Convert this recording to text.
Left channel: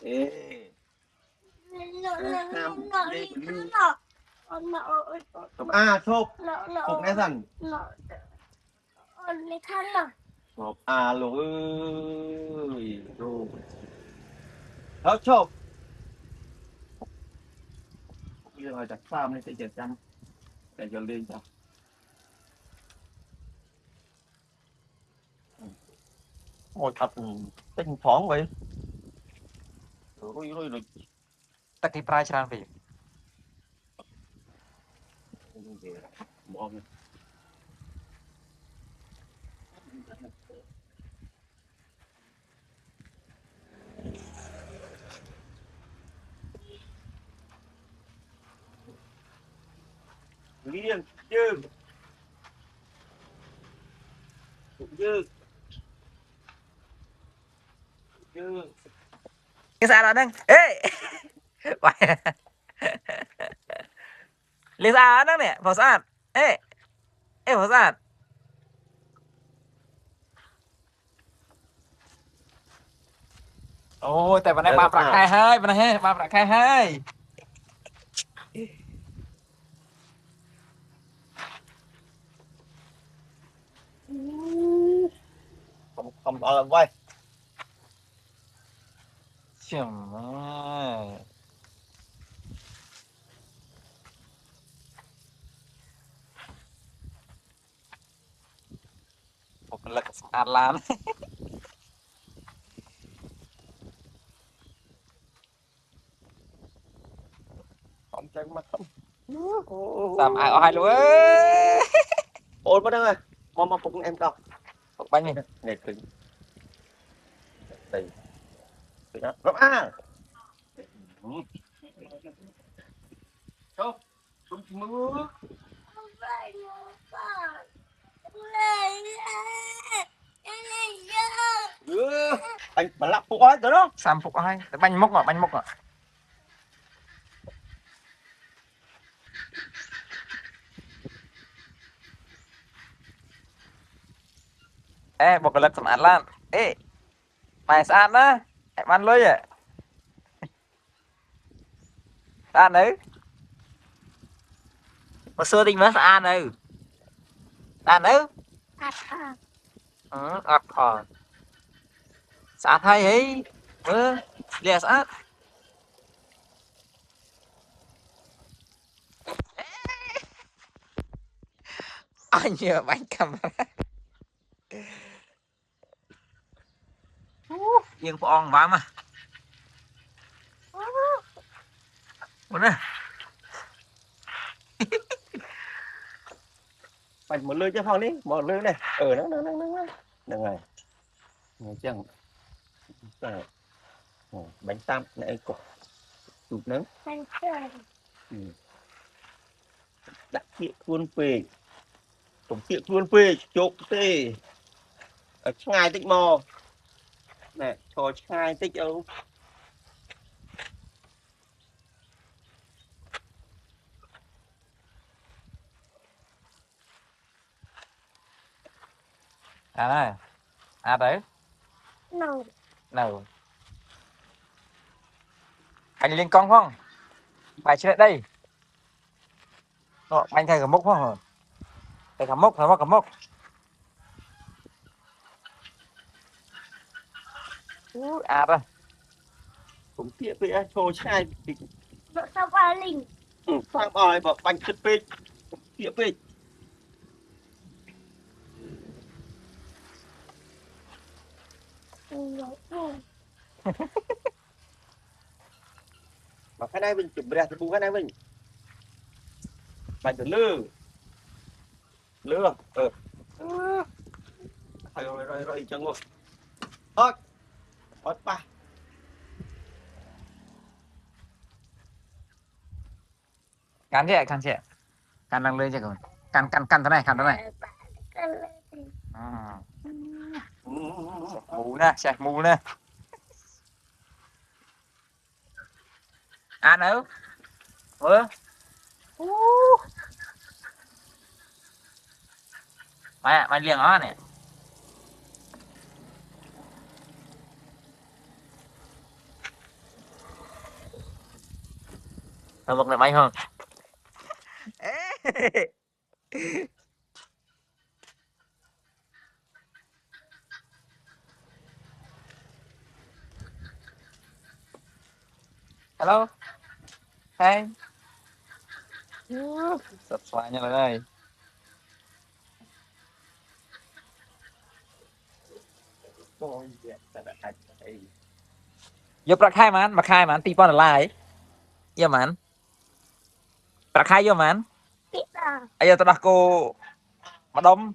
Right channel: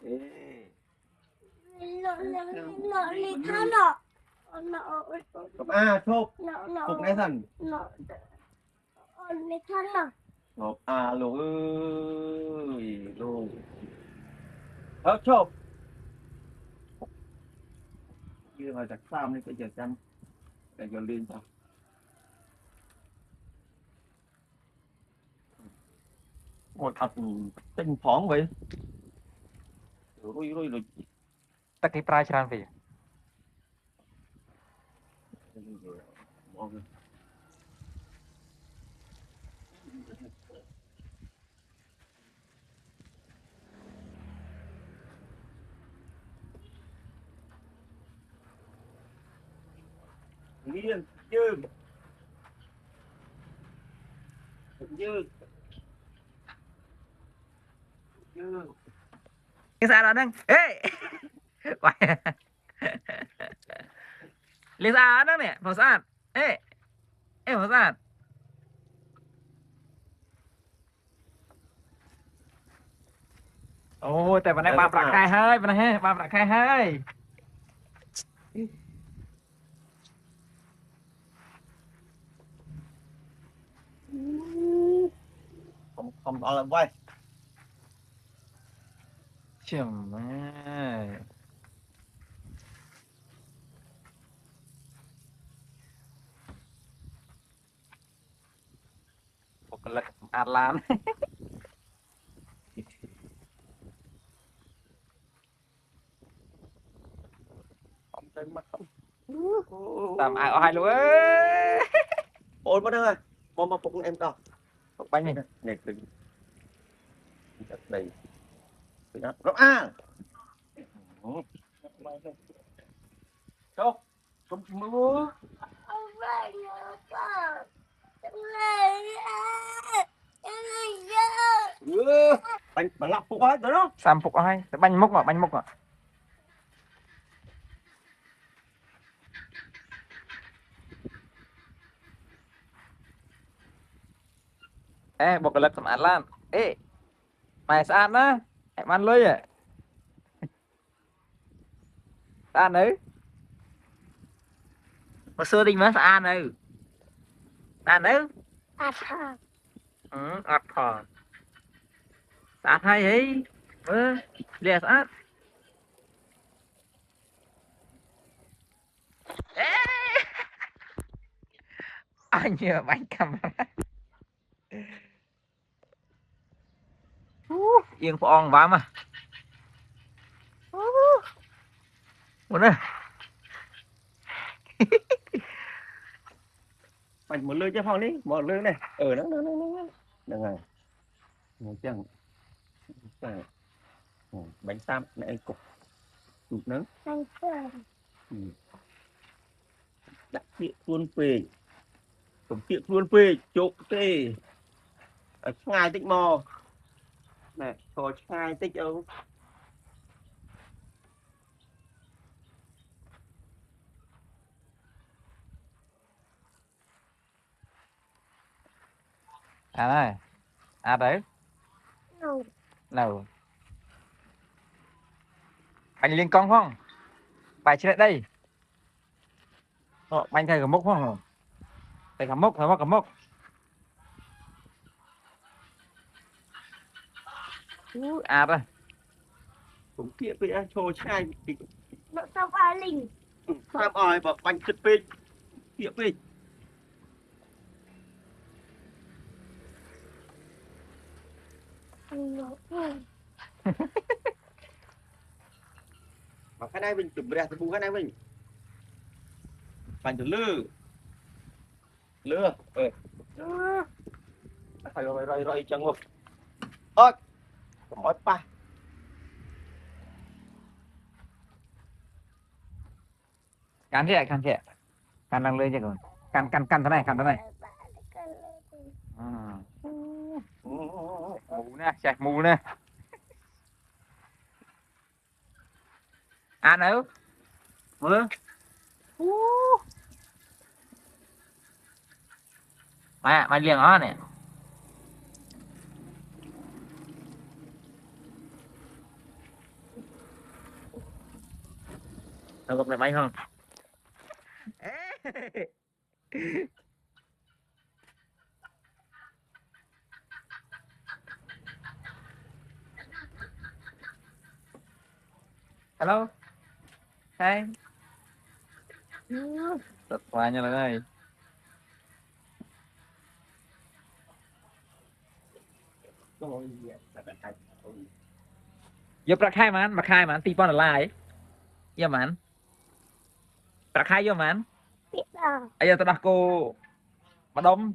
Ê. Cặp A chụp chụp nghe dần chụp A luôn ơi luôn đó chụp bây giờ đặt farm lên sẽ chèn chăm để cho lên cho ôi thật tinh phóng vậy rồi ta cái price ra về liên chứ như cái sao đó đang ê lấy ra đó nè vào sàn ê ê vào sàn ôiแต่วันนี้บาปรักใครให้วันนี้บาปรักใครให้ không quay chừng ơi một cái lực ăn lan không chân mặt không làm ai ai luôn ấy ôi có đây mà phục em con một bánh này này cứng đầy nó à không không mưa anh mà lặp phục ấy đó xăm phục ai bánh mốc à ê một cái lực làm ăn lan ê mày sao đó em ăn lưới à ăn nữ mà xưa đi mới ăn nữ ăn nữ ăn thòn sát hay ấy mơ lìa sát anh nhờ bánh cầm yên phong vào mà muốn nè bánh một lưới cho phong đi một lưới này ở nó được rồi người chẳng bánh tam này cục tụt nướng đặt tiệm luôn về tổng tiệm luôn về chụp tê ở ngay tích mò này cho ngay tích đâu à này à đấy nào anh lên con không bài trên đây anh thay cả mốc không thay cả mốc à đây cũng tiệm về cho ngay nó sao ba linh tam ỏi vào bánh thịt về tiệm về vào cái này mình chuẩn bị ra bung cái này mình bánh lừa rồi chẳng ngục ơi hỏi ba cắn chị cắn đang lên chứ còn cắn thế này mù nè sạch mù nè ăn đâu mày liền ó nè Ở một này máy không? Hello. Hey. Sạch xoa nha lần ơi. Vô bạc khai mà tí bọn là lại. Vô mà anh. Bạc khai vô mà anh. Kita. Ayo tao cô mà đông.